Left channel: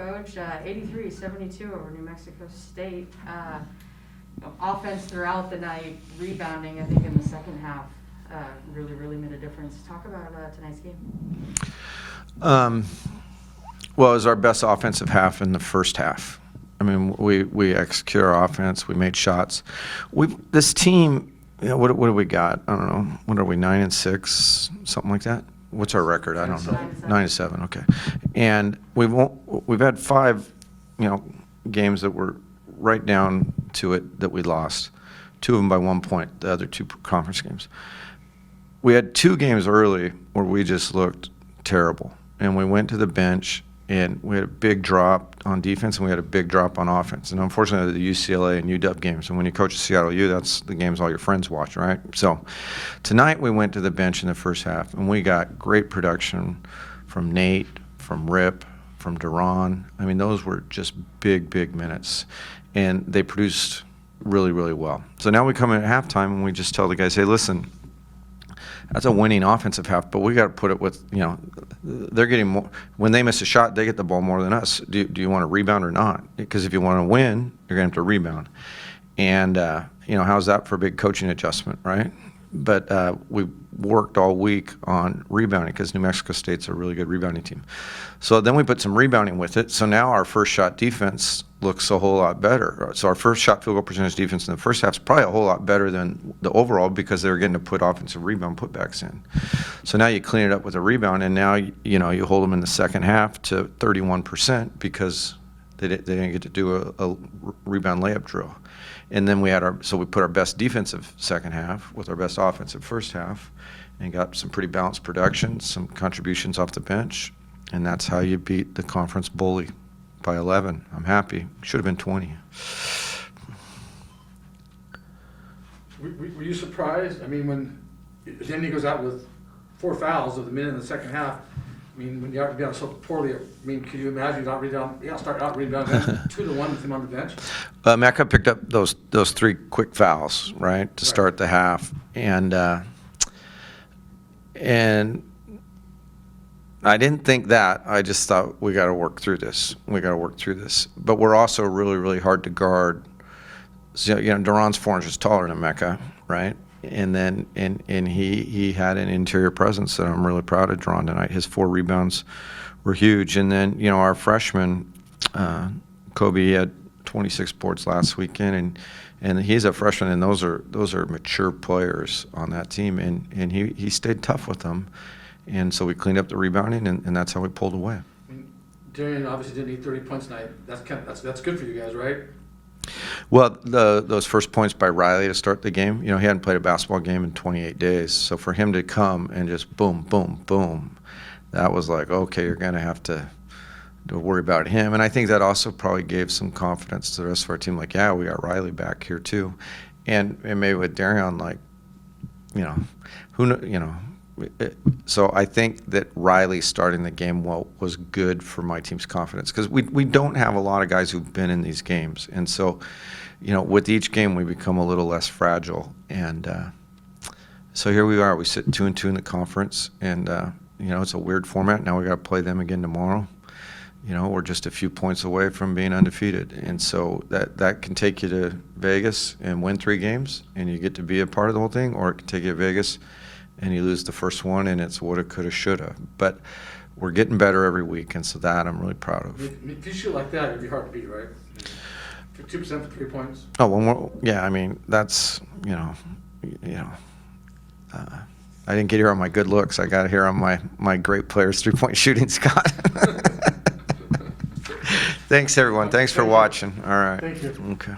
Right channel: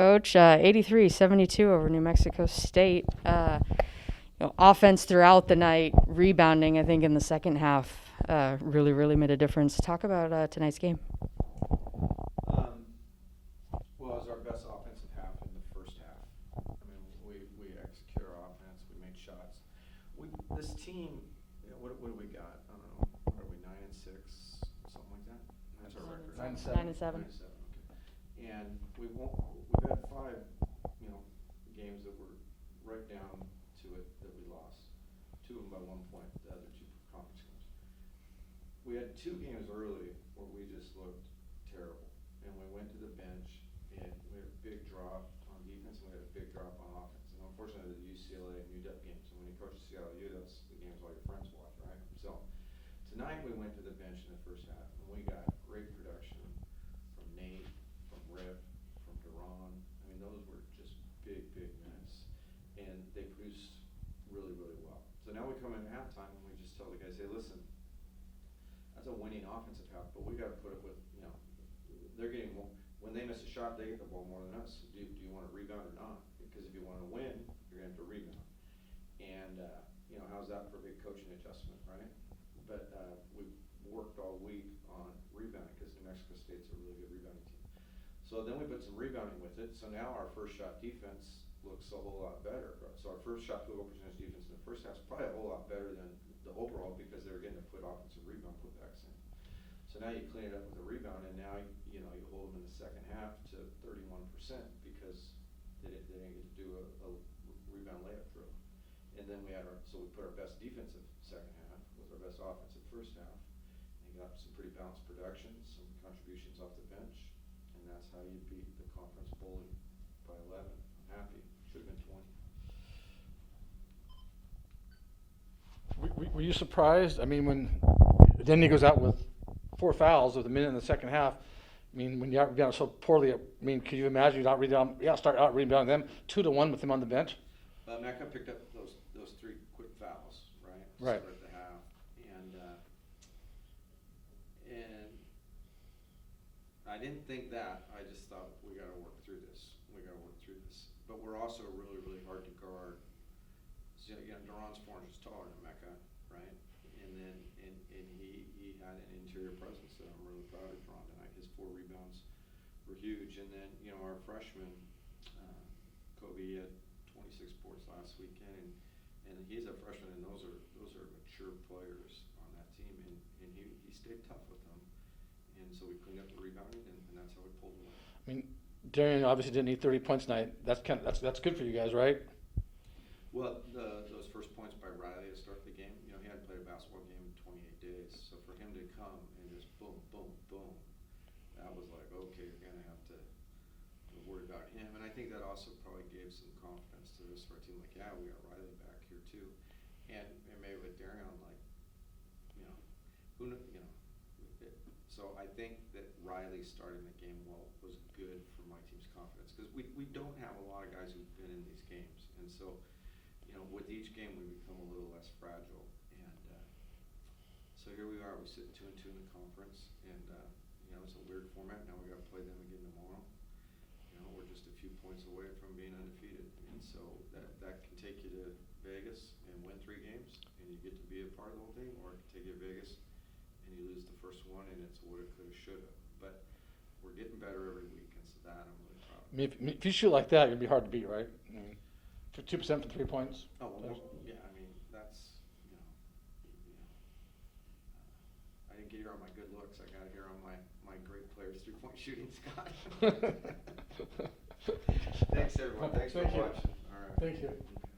Coach, 83-72 over New Mexico State. Offense throughout the night, rebounding, I think, in the second half really made a difference. Talk about tonight's game. Well, it was our best offensive half in the first half. I mean, we executed our offense. We made shots. This team, what do we got? I don't know. What are we, 9-6, something like that? What's our record? I don't know. 9-7. Okay. And we've had 5, games that were right down to it that we lost. 2 of them by 1 point. The other 2 conference games. We had 2 games early where we just looked terrible, and we went to the bench and we had a big drop on defense and we had a big drop on offense. And unfortunately, the UCLA and UW games, and when you coach Seattle U, that's the games all your friends watch, right? So tonight we went to the bench in the first half, and we got great production from Nate, from Rip, from Duran. I mean, those were just big minutes, and they produced really well. So now we come in at halftime and we just tell the guys, hey, listen, that's a winning offensive half, but we got to put it with, they're getting more. When they miss a shot, they get the ball more than us. Do you want to rebound or not? Because if you want to win, you're going to have to rebound. And, how's that for a big coaching adjustment, right? But we worked all week on rebounding because New Mexico State's a really good rebounding team. So then we put some rebounding with it. So now our first shot defense looks a whole lot better. So our first shot field goal percentage defense in the first half is probably a whole lot better than the overall because they were getting to put offensive rebound putbacks in. So now you clean it up with a rebound, and now you hold them in the second half to 31% because they didn't get to do a rebound layup drill. And then we put our best defensive second half with our best offensive first half, and got some pretty balanced production, some contributions off the bench, and that's how you beat the conference bully by 11. I'm happy. Should have been 20. Were you surprised? I mean, when then he goes out with 4 fouls at the minute in the second half. I mean, when you out rebound so poorly, I mean, can you imagine start out rebounding 2-1 with him on the bench? Mecca picked up those 3 quick fouls, right, to start the half, and I didn't think that. I just thought we got to work through this. But we're also really hard to guard. So, Duran's 4 inches taller than Mecca, right? And then and he had an interior presence that I'm really proud of Duran tonight. His 4 rebounds were huge. And then our freshman Kobe, he had 26 boards last weekend, and he's a freshman, and those are mature players on that team, and he stayed tough with them. And so we cleaned up the rebounding, and that's how we pulled away. I mean, Darian obviously didn't need 30 points tonight. That's good for you guys, right? Well, those first points by Riley to start the game, he hadn't played a basketball game in 28 days. So for him to come and just boom, that was like, okay, you're going to have to worry about him. And I think that also probably gave some confidence to the rest of our team. Like, yeah, we got Riley back here too. And maybe with Darian, like, so I think that Riley starting the game well was good for my team's confidence because we don't have a lot of guys who've been in these games. And so, with each game we become a little less fragile. And so here we are. We sit 2-2 in the conference, and it's a weird format. Now we got to play them again tomorrow. We're just a few points away from being undefeated. And so that can take you to Vegas and win 3 games, and you get to be a part of the whole thing, or it can take you to Vegas and you lose the first one, and it's woulda, coulda, shoulda. But we're getting better every week, and so that I'm really proud of. If you shoot like that, it'd be hard to beat, right? For 2% for 3 points. Oh, well, yeah. I mean, that's I didn't get here on my good looks. I got here on my great players' 3-point shooting, Scott. Thanks, everyone. Thanks for watching. All right. Thank you. Okay.